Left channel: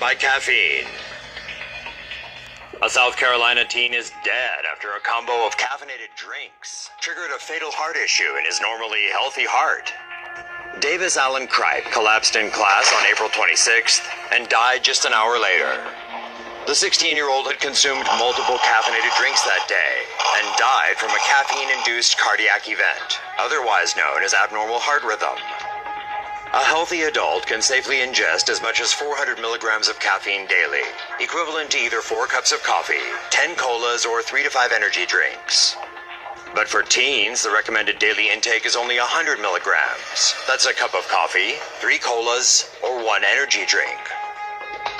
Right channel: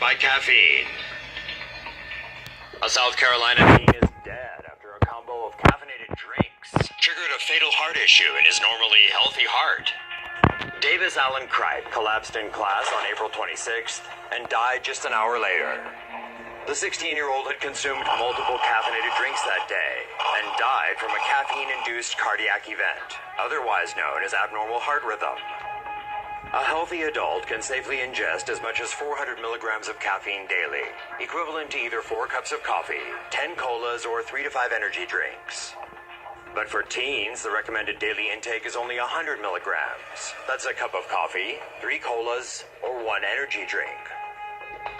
by caffeine. A South Carolina teen is dead after a combo of caffeinated drinks triggered a fatal heart issue in his normally healthy heart. Davis Allen Cripe collapsed in class on April 26th and died just an hour later. The 16-year-old had consumed multiple caffeinated drinks that day and died from a caffeine-induced cardiac event, otherwise known as abnormal heart rhythm. A healthy adult can safely ingest as much as 400 milligrams of caffeine daily, equivalent to either 4 cups of coffee, 10 colas, or 3 to 5 energy drinks. But for teens, the recommended daily intake is only 100 milligrams. That's a cup of coffee, 3 colas, or 1 energy drink.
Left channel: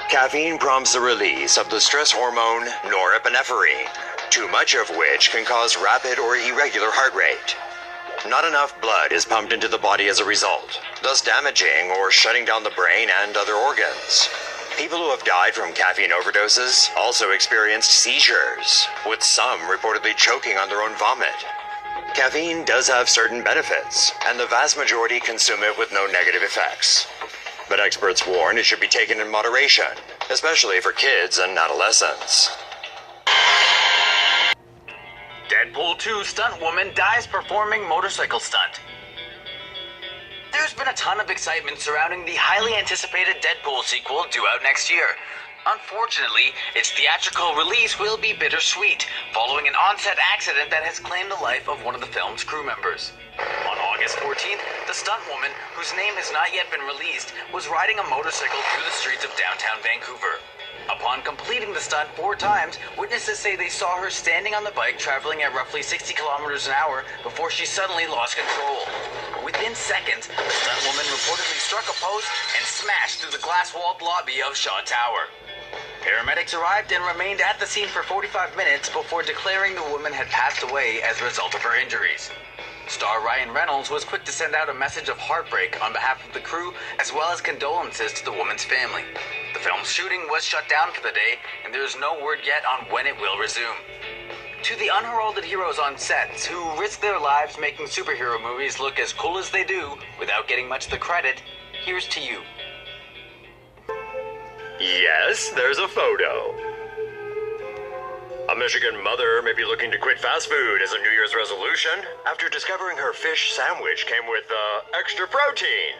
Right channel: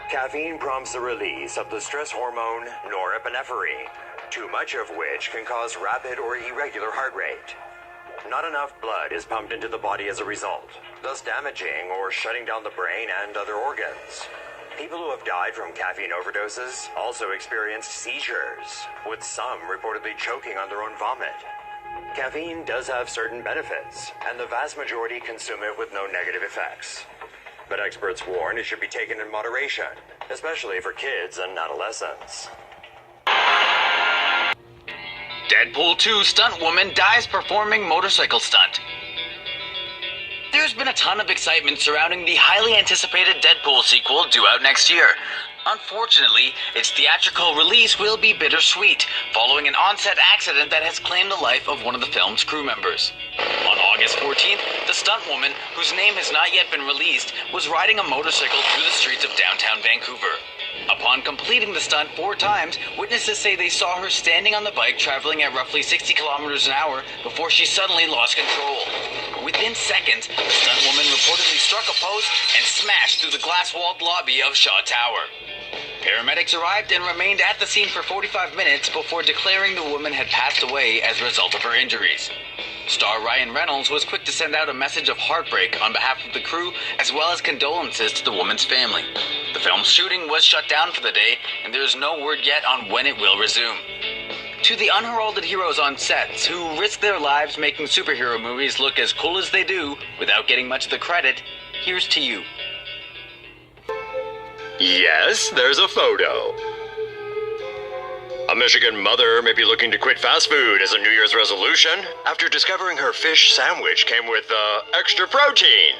Caffeine prompts the release of the stress hormone norepinephrine, too much of which can cause rapid or irregular heart rate. Not enough blood is pumped into the body as a result, thus damaging or shutting down the brain and other organs. People who have died from caffeine overdoses also experienced seizures, with some reportedly choking on their own vomit. Caffeine does have certain benefits, and the vast majority consume it with no negative effects. But experts warn it should be taken in moderation, especially for kids and adolescents. Deadpool 2 stunt woman dies performing motorcycle stunt. There's been a ton of excitement surrounding the highly anticipated Deadpool sequel due out next year. Unfortunately, its theatrical release will be bittersweet, following an on-set accident that has claimed the life of one of the film's crew members. On August 14th, the stunt woman, whose name has not yet been released, was riding a motorcycle through the streets of downtown Vancouver. Upon completing the stunt 4 times, witnesses say they saw her standing on the bike traveling at roughly 60 kilometers an hour before she suddenly lost control. Within seconds, the stunt woman reportedly struck a post and smashed through the glass-walled lobby of Shaw Tower. Paramedics arrived and remained at the scene for 45 minutes before declaring the woman had passed away as a result of her injuries. Star Ryan Reynolds was quick to send out a message of heartbreak on behalf of the crew, as well as condolences to the woman's family. The film's shooting was shut down for the day, and there is no word yet on when it will resume. To the unheralded heroes on sets who risk their lives making superhero movies look as cool as they do without getting much of the credit, here's to you. Yes, there's a photo. A Michigan mother may be looking to quit fast food as a New Year's resolution after discovering her fish sandwich came with extra protein.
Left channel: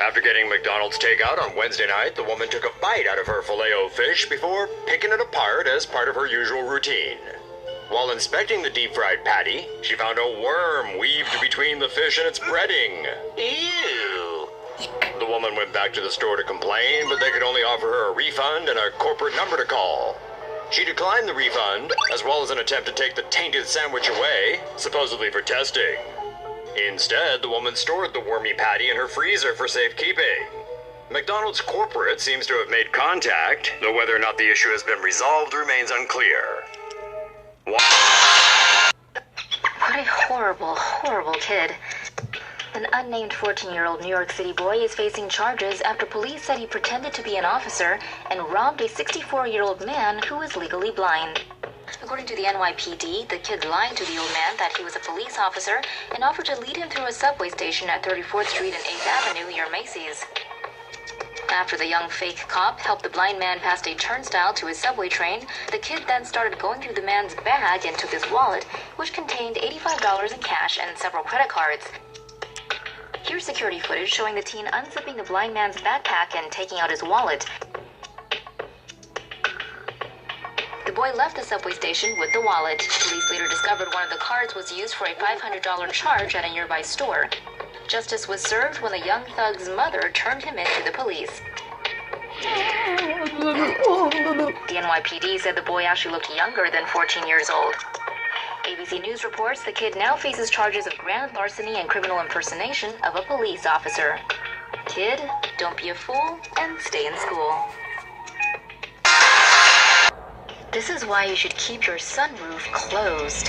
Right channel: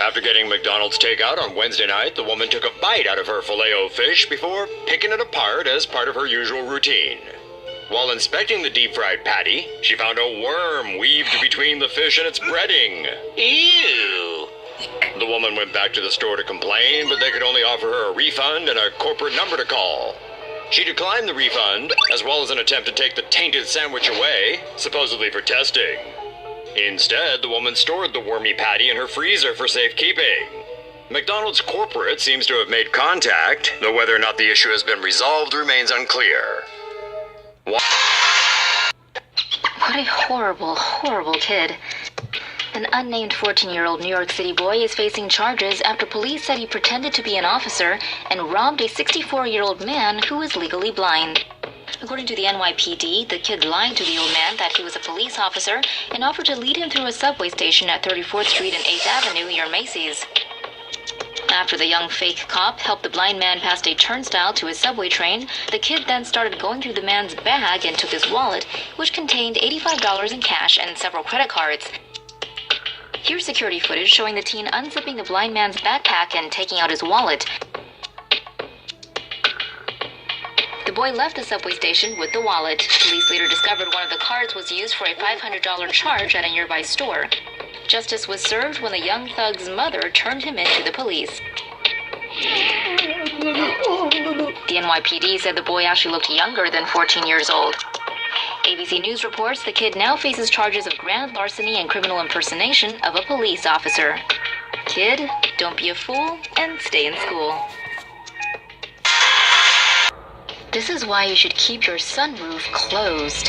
After getting McDonald's takeout on Wednesday night, the woman took a bite out of her filet-o-fish before picking it apart as part of her usual routine. While inspecting the deep-fried patty, she found a worm weaved between the fish and its breading. Ew! The woman went back to the store to complain, but they could only offer her a refund and a corporate number to call. She declined the refund, as well as an attempt to take the tainted sandwich away, supposedly for testing. Instead, the woman stored the wormy patty in her freezer for safekeeping. McDonald's corporate seems to have made contact, though whether or not the issue has been resolved remains unclear. What a horrible, horrible kid. An unnamed 14-year-old New York City boy is facing charges after police said he pretended to be an officer and robbed a 64-year-old man who is legally blind. According to the NYPD, the kid lied to the old man that he was a police officer and offered to lead him through a subway station at 34th Street and 8th Avenue near Macy's. After the young fake cop helped the blind man past a turnstile to his subway train, the kid then started going through the man's bag and took his wallet, which contained $85 in cash and several credit cards. Here's security footage showing the teen unzipping the blind man's backpack and taking out his wallet. The boy left the subway station with the wallet. Police later discovered one of the cards was used for a $500 charge at a nearby store. Justice was served when the young thug's mother turned him in to the police. The NYPD said the boy actually looked younger than 14 years old. ABC News reports the kid now faces charges of grand larceny and criminal impersonation of a police officer. Kid, don't be a fool and stay in school. This is why you should keep your sunroof closed.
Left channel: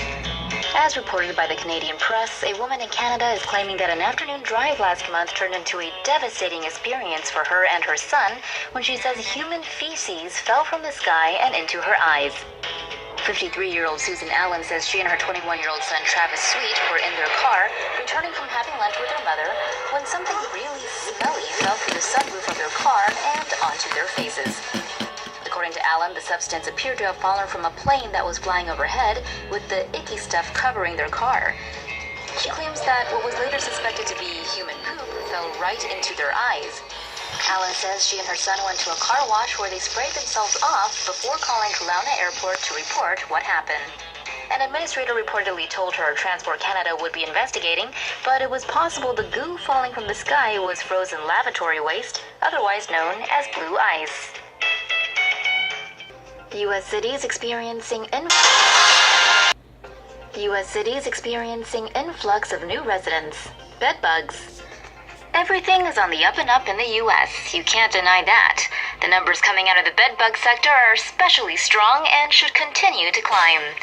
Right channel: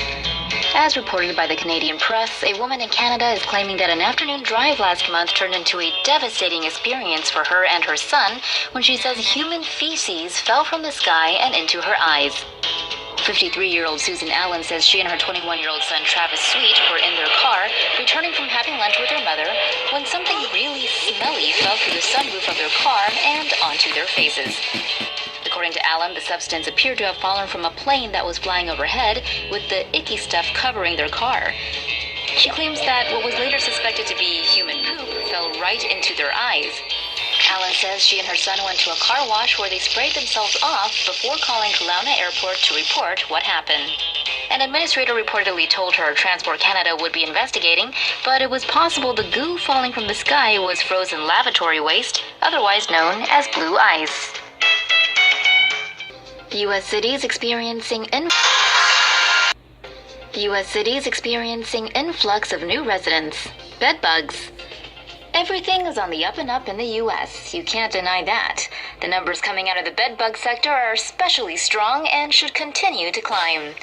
As reported by the Canadian press, a woman in Canada is claiming that an afternoon drive last month turned into a devastating experience for her and her son when she says human feces fell from the sky and into her eyes. 53-year-old Susan Allen says she and her 21-year-old son Travis Sweet were in their car, returning from having lunch with their mother, when something really smelly fell through the sunroof of their car and onto their faces. According to Allen, the substance appeared to have fallen from a plane that was flying overhead, with the icky stuff covering their car. She claims that what was later suspected to be human poop fell right into their eyes. Allen says she and her son went to a car wash where they sprayed themselves off before calling Kelowna Airport to report what happened. An administrator reportedly told her Transport Canada would be investigating, but it was possible the goo falling from the sky was frozen lavatory waste, otherwise known as blue ice. U.S. cities experiencing influx of new residents. Bedbugs. Everything is on the up and up in the U.S. You can't deny that. The numbers coming out of the bedbug sector are especially strong and should continue to climb.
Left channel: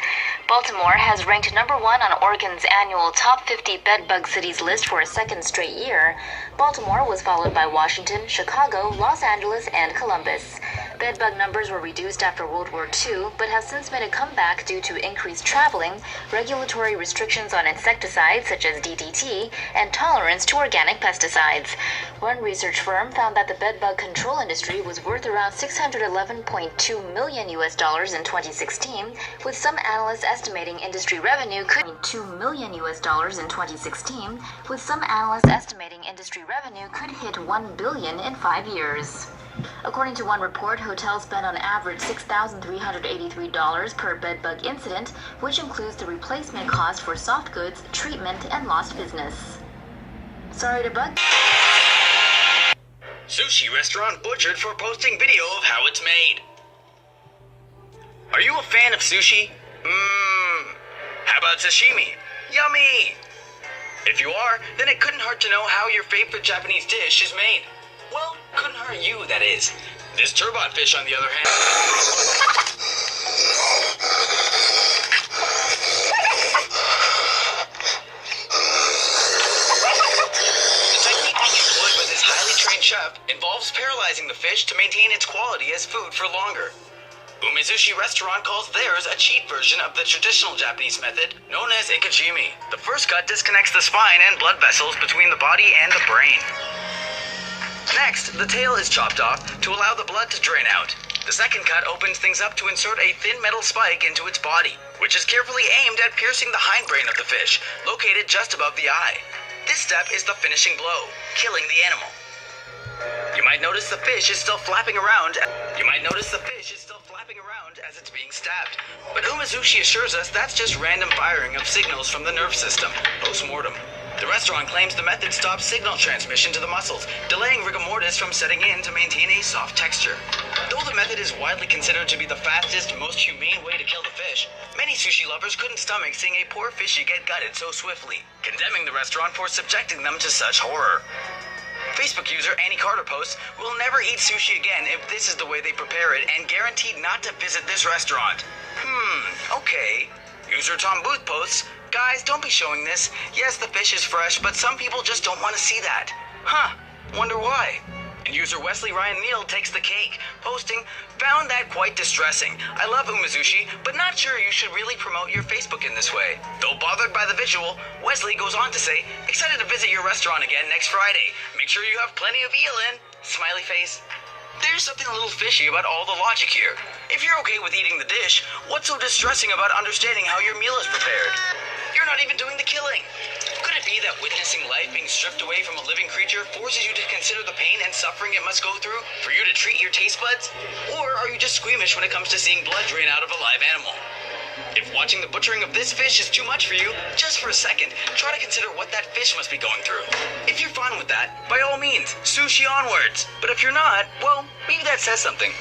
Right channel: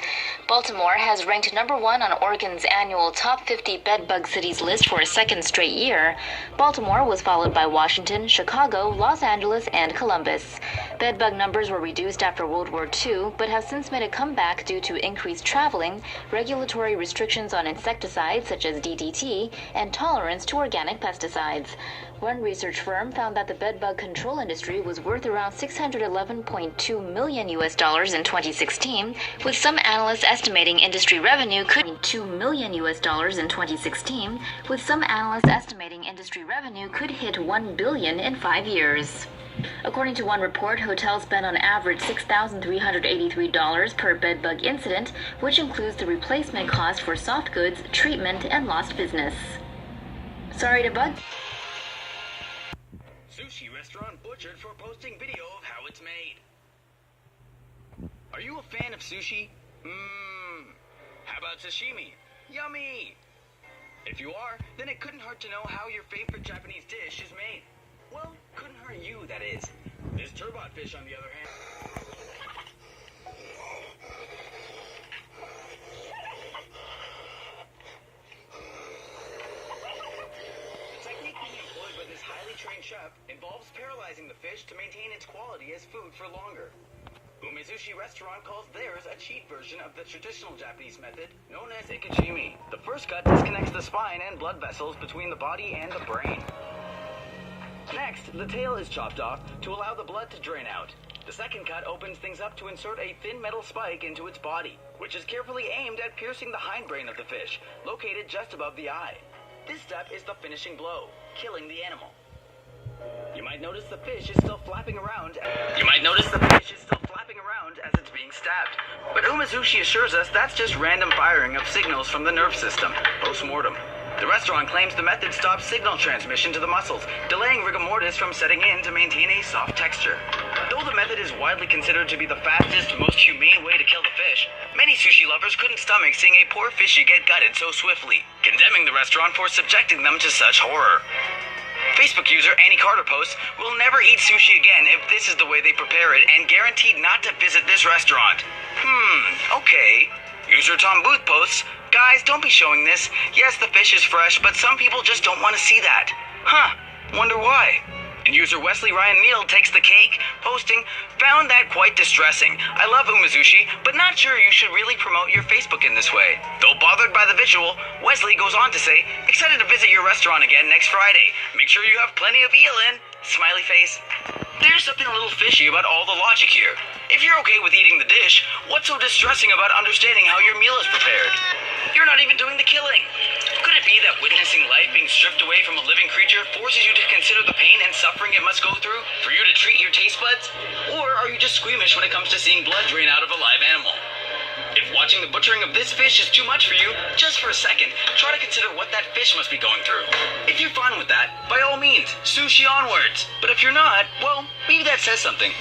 Baltimore has ranked number 1 on Oregon's annual Top 50 Bedbug Cities list for a second straight year. Baltimore was followed by Washington, Chicago, Los Angeles, and Columbus. Bedbug numbers were reduced after World War II, but have since made a comeback due to increased traveling, regulatory restrictions on insecticides such as DDT, and tolerance to organic pesticides. One research firm found that the bedbug control industry was worth around $611.2 million in 2016, with some analysts estimating industry revenue could $2 million in 2016, with some analysts estimating industry revenue could hit $1 billion in 5 years. According to one report, hotels spend on average $6,383 per bedbug incident, which includes the replacement cost for soft goods, treatment, and lost business. Sorry to bug. Sushi restaurant butchered for posting video of how it's made. Are you a fan of sushi? How about sashimi? Yummy! If you are, then it couldn't hurt to know how your favorite Japanese dish is made. Well, couldn't hurt you, that is. This turbot fish, on the other hand... The technique being employed by this highly trained chef involves paralyzing the fish to maintain its quality as food for longer. Umezushi Restaurant calls theirs a cheat version of the traditional Japanese method known as ikachimi. The first cut disconnects the spine and blood vessels between the body and the brain. Next, the tail is chopped off to allow the blood to drain out. The second cut opens things up to insert a thin metal spike into its body, which is carefully aimed at piercing the hindbrain of the fish, located just above the eye. This step is the finishing blow, killing the animal. You might notice the fish is still flapping around. As it's being stabbed. But Umezushi assures us that's just random firing of signals from the nerve system, post-mortem. The restaurant claims the method stops signal transmission to the muscles, delaying rigor mortis from setting in to maintain a soft texture. Though the method is widely considered to be the fastest, most humane way to kill the fish, many sushi lovers couldn't stomach seeing a poor fishy get gutted so swiftly, condemning the restaurant for subjecting them to such horror. Facebook user Annie Carter posts, "Will never eat sushi again if this is the way they prepare it, and guaranteed not to visit this restaurant." Okay. User Tom Booth posts, "Guys, don't be showing this. Yes, the fish is fresh, but some people just don't want to see that. Wonder why?" And user Wesley Ryan Neal takes the cake, posting, "Found that quite distressing. I love Umezushi, but not sure you should really promote your Facebook in this way." Though bothered by the visual, Wesley goes on to say, "Excited to visit your restaurant again next Friday. Make sure you have plenty of eel in." Smiley face. There's something a little fishy about all the logic here. If you're okay with eating the dish, what's so distressing about understanding how your meal is prepared? You're not even doing the killing. Could it be that witnessing life being stripped away from a living creature forces you to consider the pain and suffering it must go through for you to treat your taste buds? Or are you just squeamish when it comes to seeing blood drain out of a live animal? If watching the butchering of this fish is too much for you, just for a second, try to consider what that fish must be going through. If you're fine with that, by all means, sushi onwards. But if you're not, well, maybe that says something.